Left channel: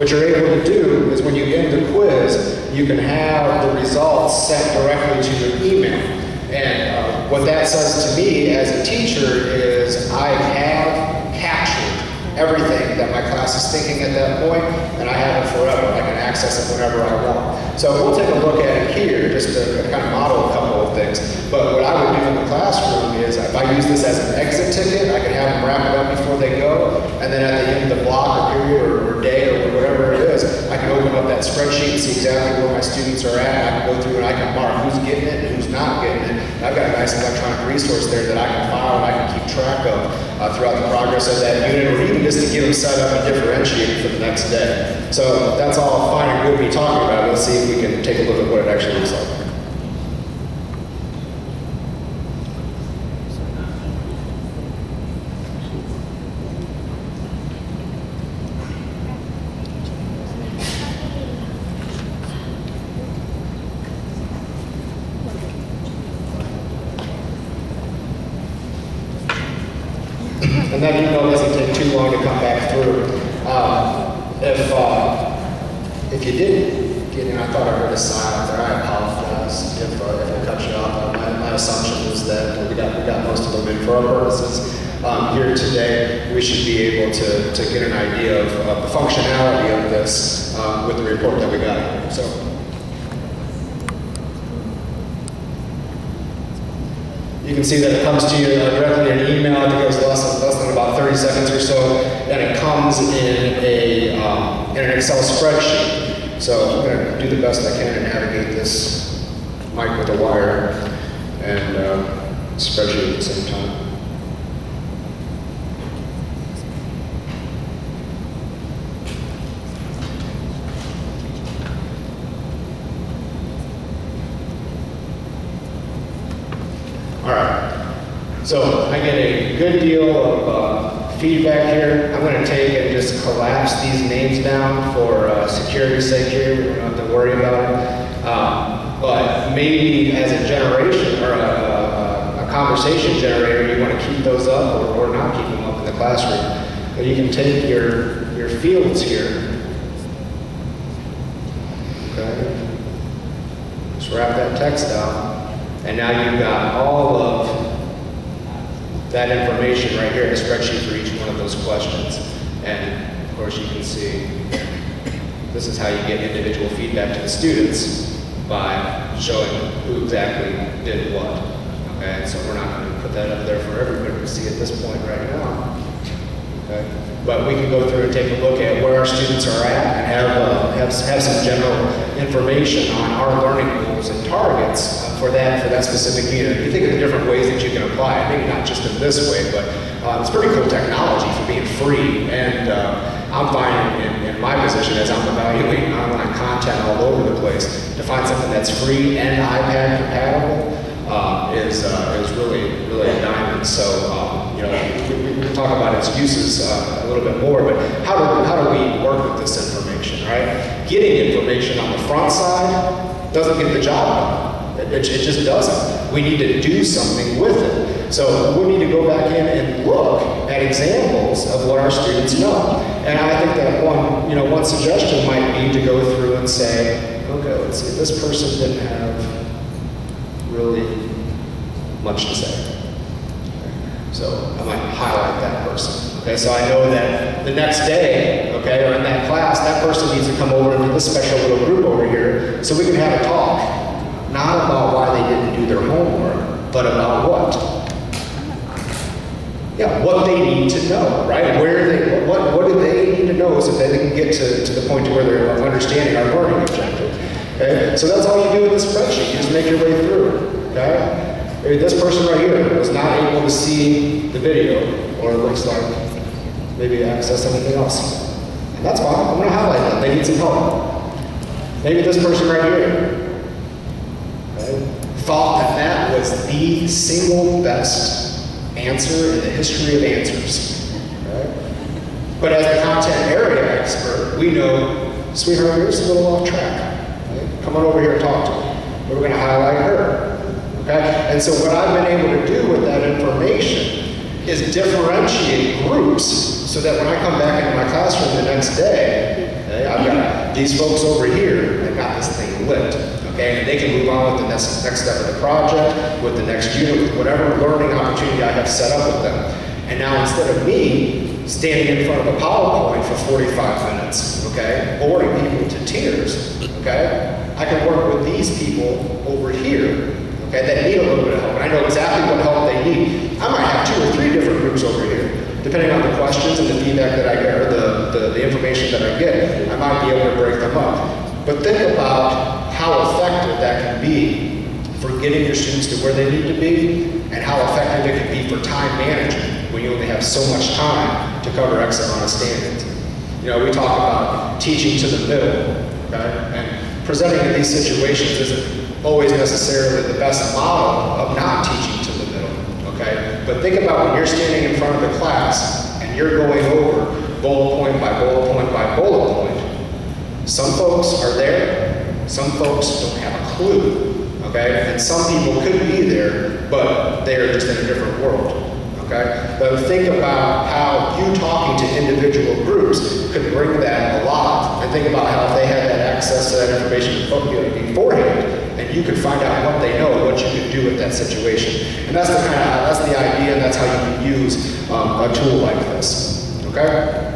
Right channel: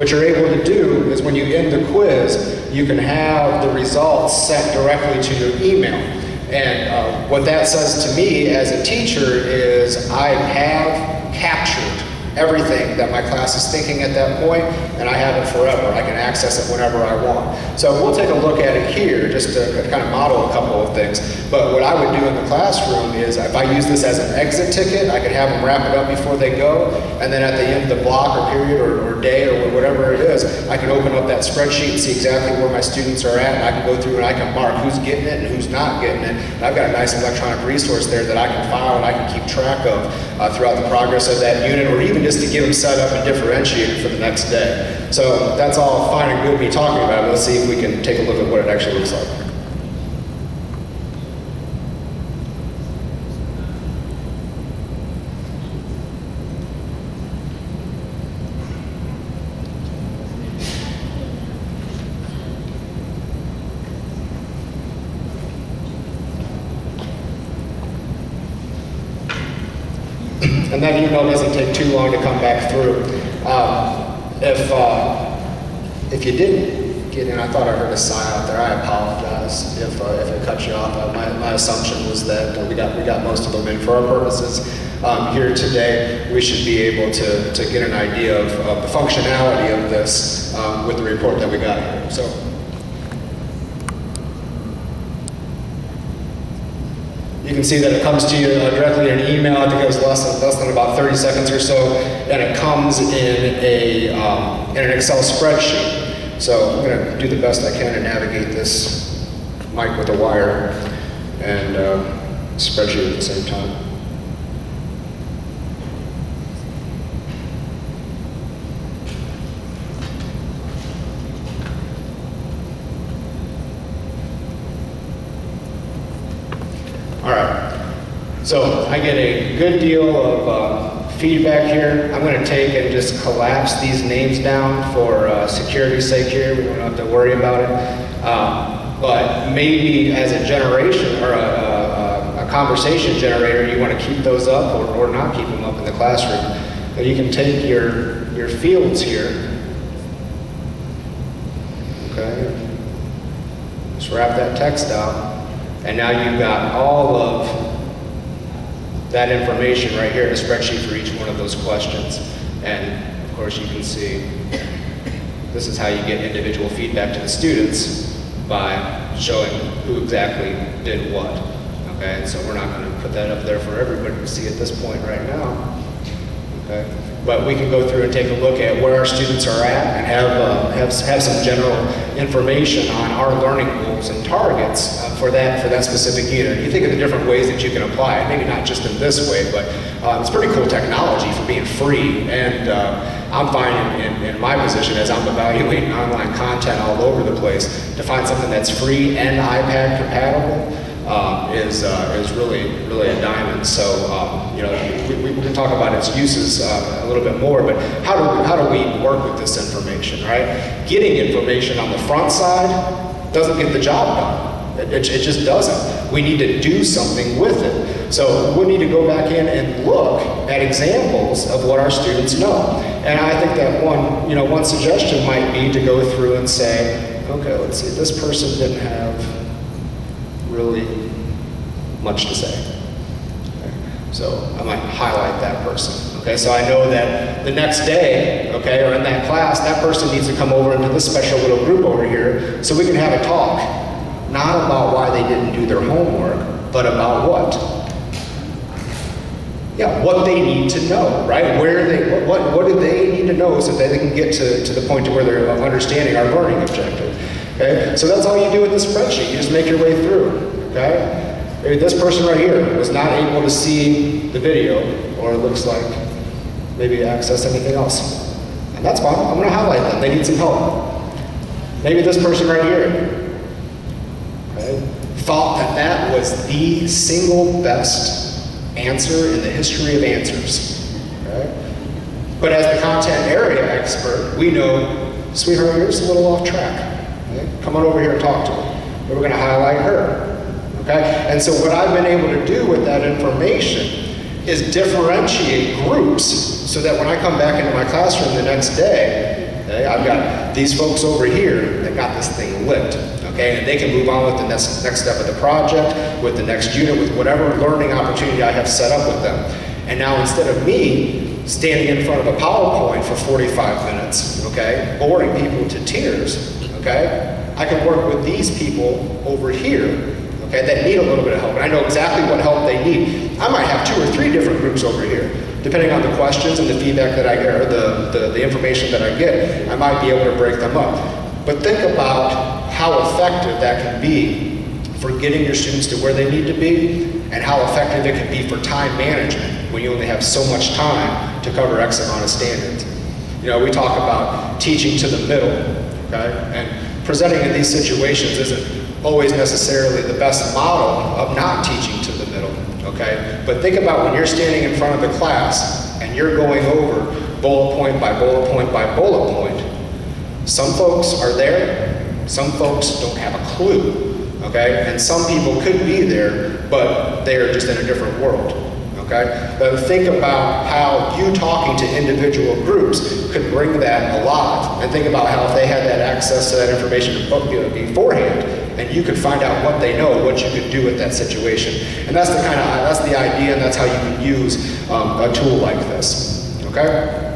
What you're able to do is when you end the quiz, you can have the results sent directly to your email. And what that says to me as a teacher is I have captured everything that my class is thinking at that point, and I have it forever. I can access it whenever I want. So we'll take a look at it here, just to kind of model a couple of things. But what I would do in the classroom is, if I use this as an exit ticket, I can have them wrap it up before they go, and then at the end of the block or period or day or whatever it is, I can open up that spreadsheet and see exactly where my students are at, and I can go through and I can mark who's getting it and who's not getting it. And I've got a nice electronic resource there that I can file and I can keep track of throughout the progress of that unit, or even just to get them set up and differentiated for the next day. So that's all fine and good me talking about it. Let's see if we can take a look at what it actually looks like. And that email doesn't take too long to come back through. If you didn't get in, I thought I heard a sign out there. I apologize if it cut you off. My assumption was that we got most of them in. For our purposes here today, we should be able to get an idea of the functionality of this with the report that we got here. So. You can see that it comes to you directly in an email. I think it was less than about 30 seconds or so, and it comes in an Excel spreadsheet. So I'm going to do the best I can to navigate this mic with a wire and spreadsheet at the same time. All right, so I get a good deal of feedback here. I'm going to take and just collapse these names down for security's sake here. We don't have to worry about it. But maybe as a generation or a conversation generator, you want to keep those up or not keep them up in the classroom. But you can take your fields here. Okay, just wrap that text out. And now you've got all of that information right here in the spreadsheet for each one of those questions. And of course you can see this is how you get individual feedback to the students by showing who exactly did what. Okay, so we're not going to put that up there for everybody to see at this point right now. Okay, but we can go through and take a look at where our students are at and have some general information on our learning goals and targets for that specific unit. You think of the different ways that you can apply it, maybe not just in this way, but it's pretty cool technology for being free. And I'm finding in my position as I'm evaluating online content all over the place, to find something that's free and iPad compatible is really a diamond. So you know, we can talk about its uses a little bit more, but how do we work with this information, right? Getting information on the front side doesn't get the job done. It just doesn't. We need to do something with it. So we need to go back in and look at examples of what our students know. And I think that one suggestion might be to go through and say, okay, let's see, this person didn't have really much to say. Okay. So I might highlight that person. Okay, so I know that the next day, okay, or in that class, that person needs to come over into this special little group over here so we can have a talk. Not about why they didn't do their homework, but about what? Yeah, what they need to know, right? What do they need to know so that they can get to the point to where they're understanding our learning objective. Okay? So that's all you do with the spreadsheet. You just make your way through. Okay? Maybe this person right here was not able to see the video, or it looks like maybe access anything else. And that's fine. I'm going to highlight them. They need some help. Maybe this person right here thought that was the single best answer in the history of answers. Okay? But as the content area expert, we know, sweetheart, you're just a little off track. Okay? Come on over here and talk to me. We're going to highlight her. Okay? And so what I've been able to do with that information is differentiate groups so that when I come back into my classroom the next day, Okay? I've got these folks over here that got this thing lit. Okay? And they can move on with the next step of the project, with the next unit, with whatever learning opportunity I have set up with them. And now instead of me standing in front of a PowerPoint for 45 minutes, okay, boring people to tears, okay, I can work with these people over here, okay, that need a little bit of help. And I know exactly what help they need. I might have 2 or 3 different groups over here. Depending on the questions and the feedback that I get, or the information that I get, I might be able to break them up. But think about how effective that can be for getting your students to where they need to be, and how effective it can be for time management when you only have so much time to cover X amount of standards. You know, we talk about teaching to the middle, okay? And presenting in these situations isn't always necessarily the best model of not teaching to the middle, okay? But think about when you're standing in front of the class and you're going over bullet point by bullet point by bullet point. Some folks are there, some folks don't have a clue, okay? And some people could be there, but they're just in a different world, okay? But think about how you talking to individual groups could bring that alive. And think about how if they had that access to that information beforehand, and you could find out what they know, what you could do with that situation. And that's the idea, and that's how you can use a tool like this, okay?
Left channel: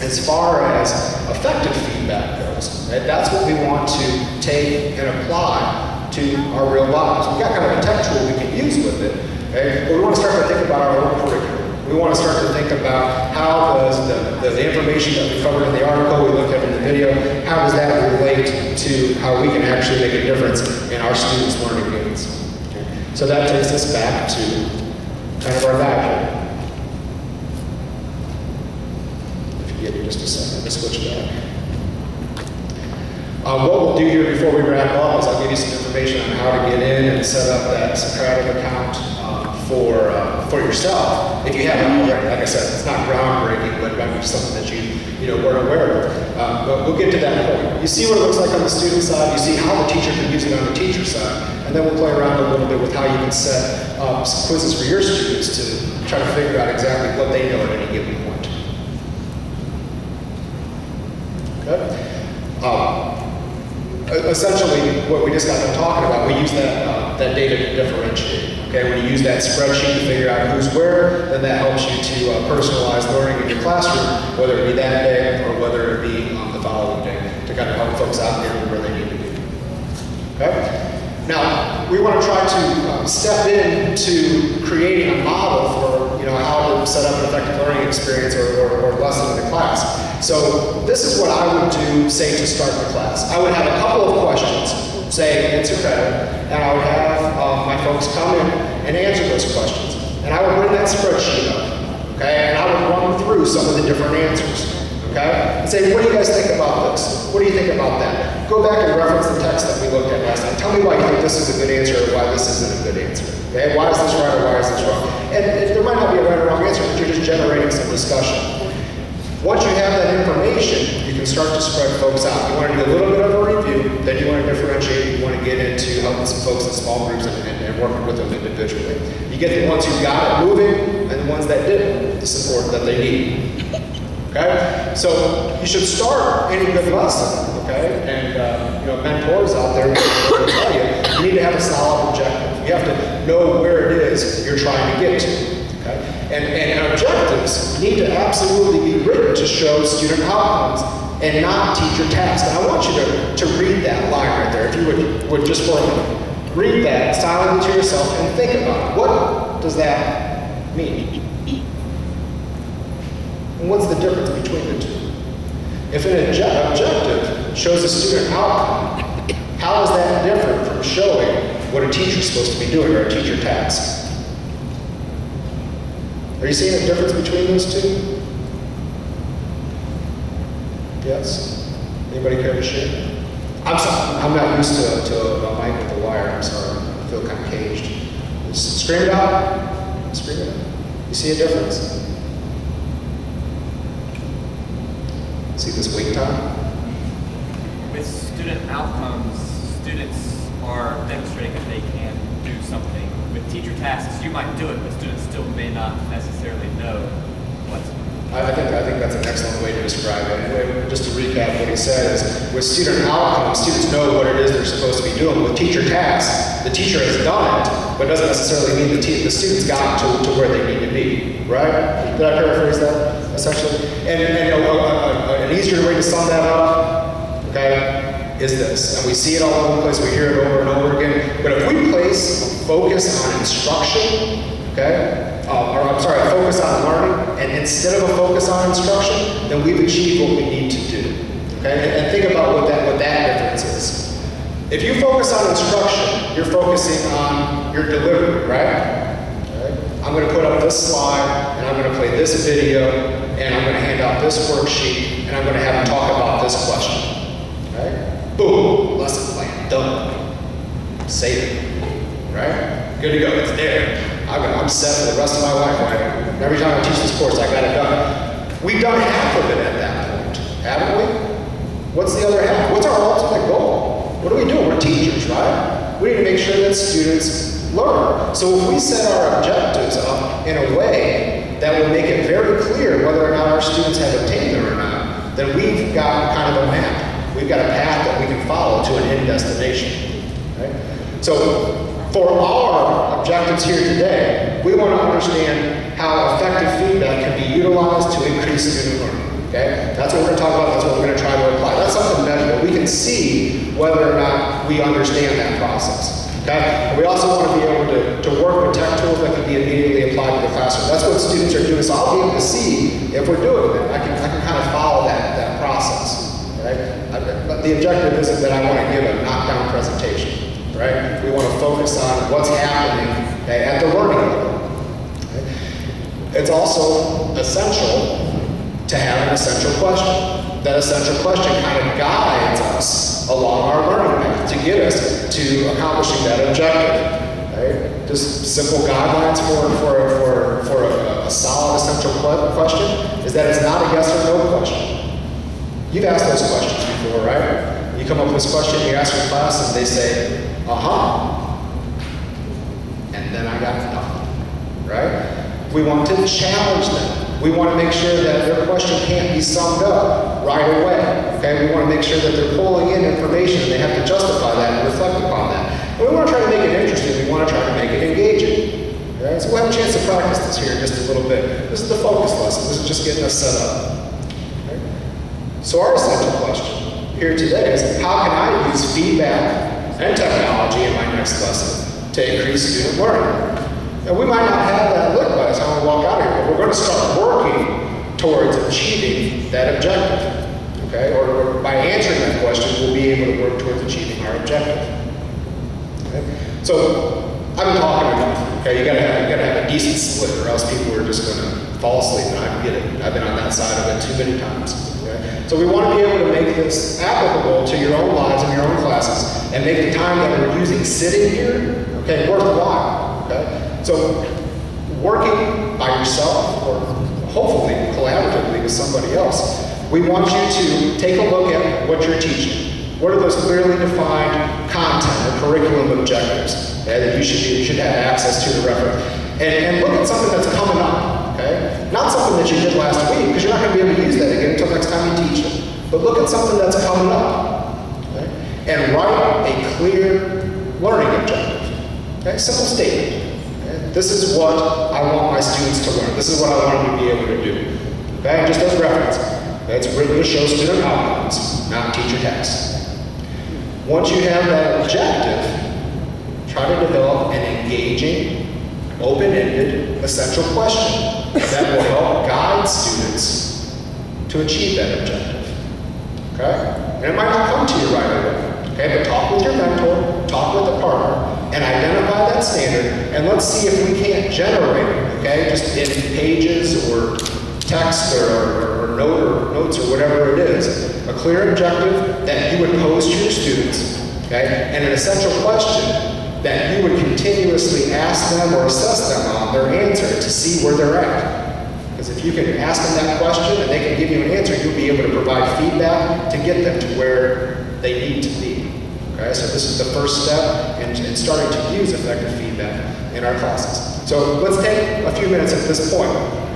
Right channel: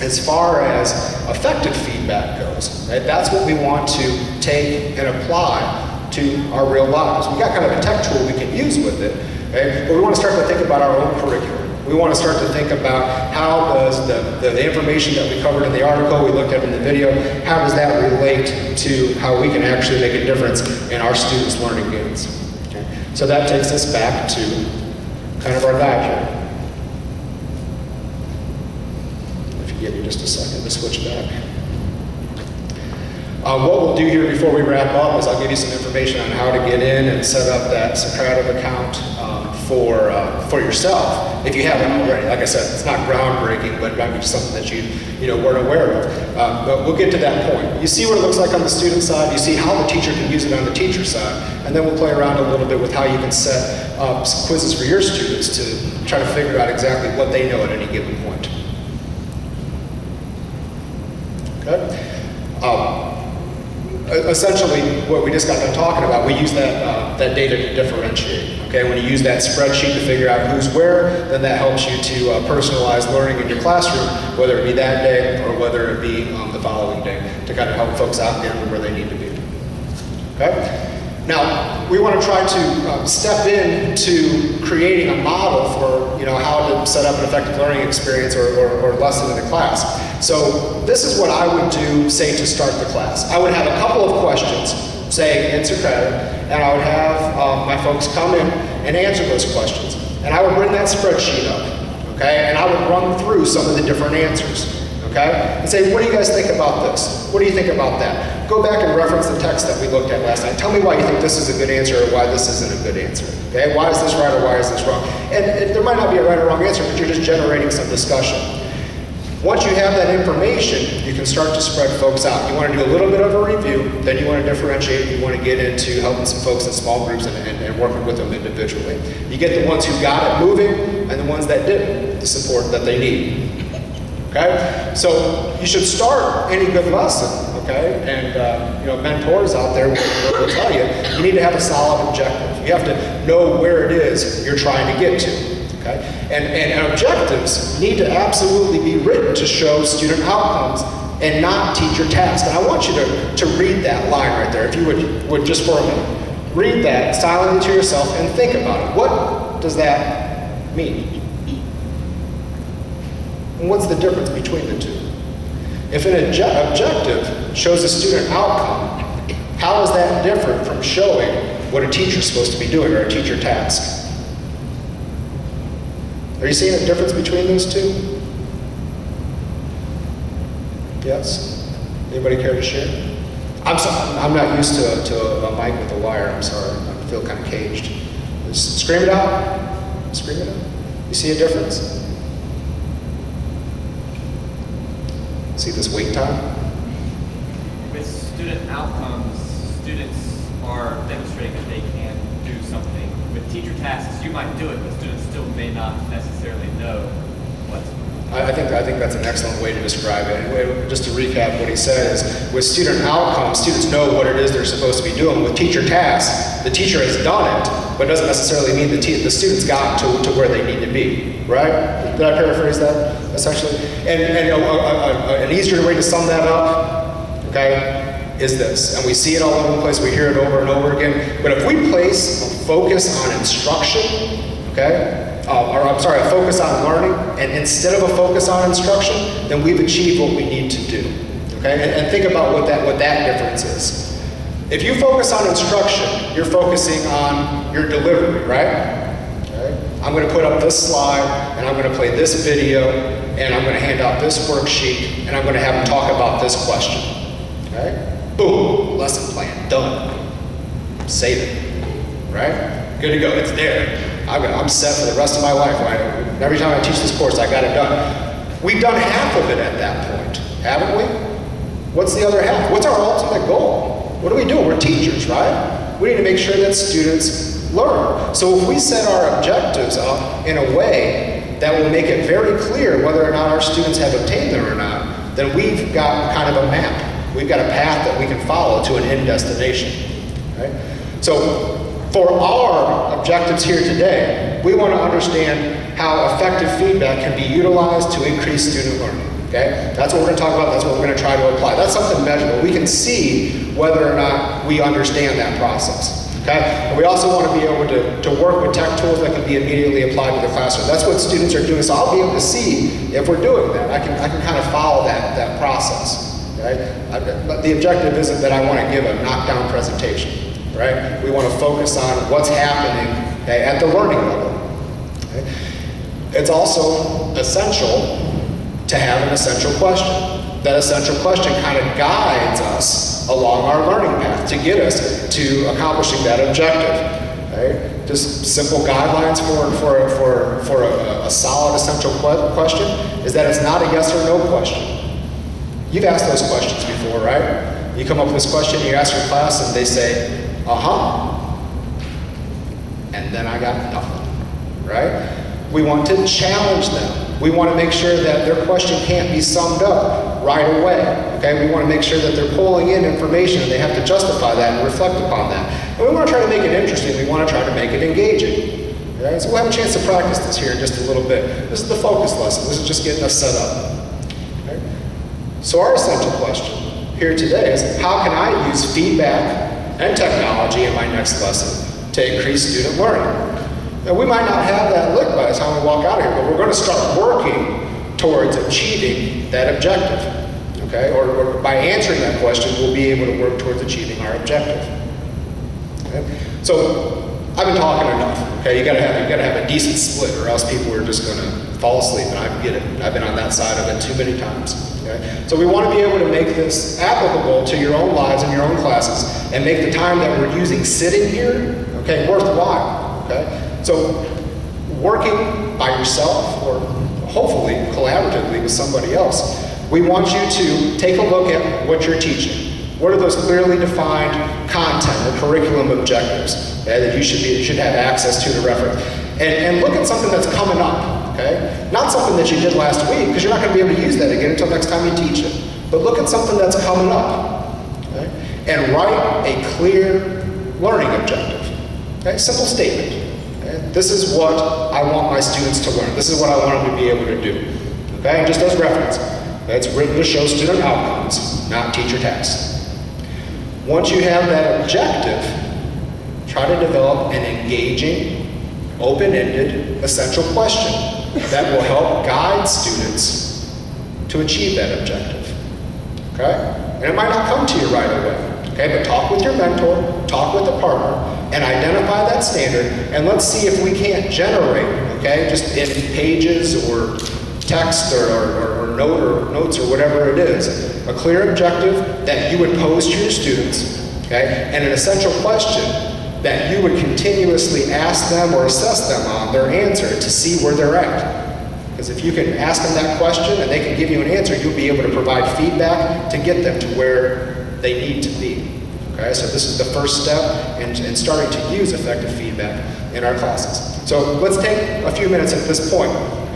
As far as effective feedback goes, right, that's what we want to take and apply to our real lives. We've got kind of a tech tool we can use with it, okay? But we want to start to think about our own curriculum. We want to start to think about how does the information that we covered in the article, we looked at in the video, how does that relate to how we can actually make a difference in our students' learning gains. Okay? So that takes us back to kind of our guide here. Give you just a second to switch back. What we'll do here before we wrap up is I'll give you some information on how to get in and set up that Socrative account for yourself. If you haven't already, like I said, it's not groundbreaking, but it might be something that you weren't aware of. But we'll get to that point. You see what it looks like on the student side. You see how the teacher can use it on the teacher side, and then we'll play around a little bit with how you can set up some quizzes for your students to try to figure out exactly what they know at any given point. Okay. Essentially, what we just got done talking about, we use that data to differentiate. Okay, when you use that spreadsheet to figure out who's where, then that helps you to personalize learning in your classroom, whether it be that day or whether it be the following day, to kind of help folks out there where they need to be. Okay. Now, we want to try to step into creating a model for how to set up an effective learning experience or lesson in the class. So this is what I would do, say, to start the class. I would have a couple of questions, say, answer credit, and I would have my folks come in and answer those questions. And I would bring that spreadsheet up, okay? And I would run through some of the different answers, okay? And say, what do you guys think about this? What do you think about that? Go back and reference the text that we looked at last night. Tell me why you think this is a good answer or why this isn't a good answer, okay? Why is this right or why is this wrong? And there might not be a right or wrong answer, but you're just generating some discussion. Once you have that information, you can start to spread folks out. You want to do a little bit of a review, then you want to differentiate, you want to get into helping some folks in small groups and working with them individually. You get the ones who got it moving and the ones that didn't, the support that they need. Okay? So you should start any good lesson, okay? And mentors out there will tell you, you need to have a solid objective. You have to know where it is you're trying to get to. Okay? And objectives need to absolutely be written to show student outcomes and not teacher tasks. And I want you to read that line right there, if you would just for a minute. Read that silently to yourself and think about it. What does that mean? And what's the difference between the two? If an objective shows a student outcome, how is that different from showing what a teacher's supposed to be doing or a teacher task? Are you seeing a difference between those two? Yes? Anybody care to share? I'm sorry, I'm not used to a mic with a wire. I'm sorry, I feel kind of caged. Just scream it out. Scream it out. You see a difference? See this wait time? With student outcomes, students are demonstrating that they can do something. With teacher tasks, you might do it, but students still may not necessarily know what to do. I think that's an excellent way to describe it. And just to recap what he said is, with student outcomes, students know what it is they're supposed to be doing. With teacher tasks, the teacher has done it, but doesn't necessarily mean the students got to where they need to be, right? Did I paraphrase that, essentially? And an easier way to sum that up, okay, is this. And we see it all over the place, we hear it over and over again. But if we place a focus on instruction, okay, a focus on learning, and instead of a focus on instruction, then we've achieved what we need to do. Okay, and think about what that difference is. If you focus on instruction, you're focusing on your delivery, right? Okay. I'm going to put up this slide, and I'm going to play this video, and I'm going to hand out this worksheet, and I'm going to have them talk about this question. Okay? Boom, lesson plan, done. Save it, right? Good to go, it's there. I'm set for the rest of my life, right? Every time I teach this course, I got it done. We've done half of it at that point, haven't we? What's the other half? What's our ultimate goal? What are we doing? We're teachers, right? We need to make sure that students learn. So if we set our objectives up in a way that will make it very clear whether or not our students have obtained them or not, then we've got kind of a map. We've got a path that we can follow to an end destination, right? So for our objectives here today, we want to understand how effective feedback can be utilized to increase student learning. Okay? That's what we're going to talk about. That's what we're going to try to apply. That's something measurable. We can see whether or not we understand that process. Okay? And we also want to be able to work with tech tools that can be immediately applied to the classroom. That's what students are doing. So I'll be able to see if we're doing that. I can kind of follow that process. Okay? But the objective isn't that I want to give a knockdown presentation. Right? We want to focus on what's happening, okay, at the learning level. Okay? It's also essential to have an essential question. That essential question kind of guides us along our learning path to get us to accomplishing that objective. Right? Just simple guidelines for a solid essential question is that it's not a yes or no question. You've asked those questions before, right? You come up with this question, you ask your class, and they say, and then I got nothing, right? We want to challenge them. We want to make sure that their question can't be summed up right away, okay? We want to make sure that they're pulling in information and they have to justify that and reflect upon that. And we want to try to make it interesting. We want to try to make it engaging, okay? So we'll have a chance to practice this here in just a little bit. This is the focus lesson. This is just getting us set up, okay? So our essential question here today is, how can I use feedback and technology in my next lesson to increase student learning? And we might not have that lit by the time we walk out of here, but we're going to start working towards achieving that objective, okay? Or by answering that question, we'll be able to work towards achieving our objective. Okay? So I've been talking enough, okay? You gotta have a decent split, or else people are just going to fall asleep, and I get it. I've been on that side of it too many times. Okay? So we want to be able to make this applicable to your own lives and your own classes, and make the time that we're using sitting here, okay, worthwhile. Okay? So working by yourself, or hopefully collaboratively with somebody else, we want you to take a look at what you're teaching. What are those clearly defined content or curriculum objectives that you should have access to reference? And look at something that's coming up, okay? Not something that you did last week, because you're not going to be able to use that again until next time you teach it. But look at something that's coming up, okay? And write a clear learning objective, okay? Simple statement. Okay? This is what I want my students to learn. This is what I want them to be able to do, okay? And just as reference, it's written to show student outcomes, not teacher tasks. Once you have that objective, try to develop an engaging, open-ended, essential question that will help guide students to achieve that objective, okay? And it might not come to you right away, okay? But talk with your mentor, talk with a partner, and identify that standard, and let's see if we can't generate, okay, just in pages or text or notes or whatever it is, a clear objective that you would pose to your students, okay, and an essential question that you would continuously ask them or assess them on their answer to see where they're at. Because if you can ask them that question and they can give you an answer, you'll be able to provide feedback to get them to where they need to be. Okay, so this is the first step in starting to use effective feedback in our classes. So let's take a few minutes at this point.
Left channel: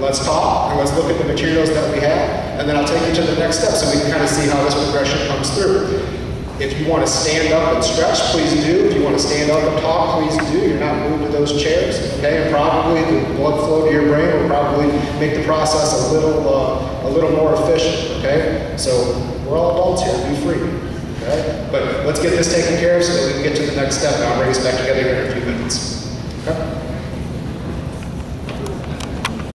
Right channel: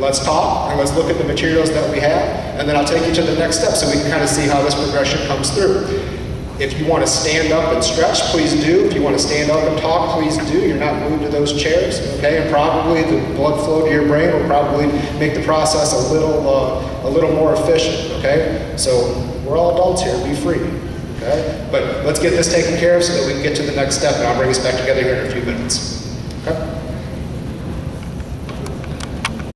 let's talk and let's look at the materials that we have, and then I'll take you to the next step so we can kind of see how this progression comes through. If you want to stand up and stretch, please do. If you want to stand up and talk, please do. You're not moved to those chairs, okay? And probably the blood flow to your brain will probably make the process a little more efficient, okay? So we're all adults here, be free, okay? But let's get this taken care of so that we can get to the next step, and I'll bring us back together here in a few minutes, okay?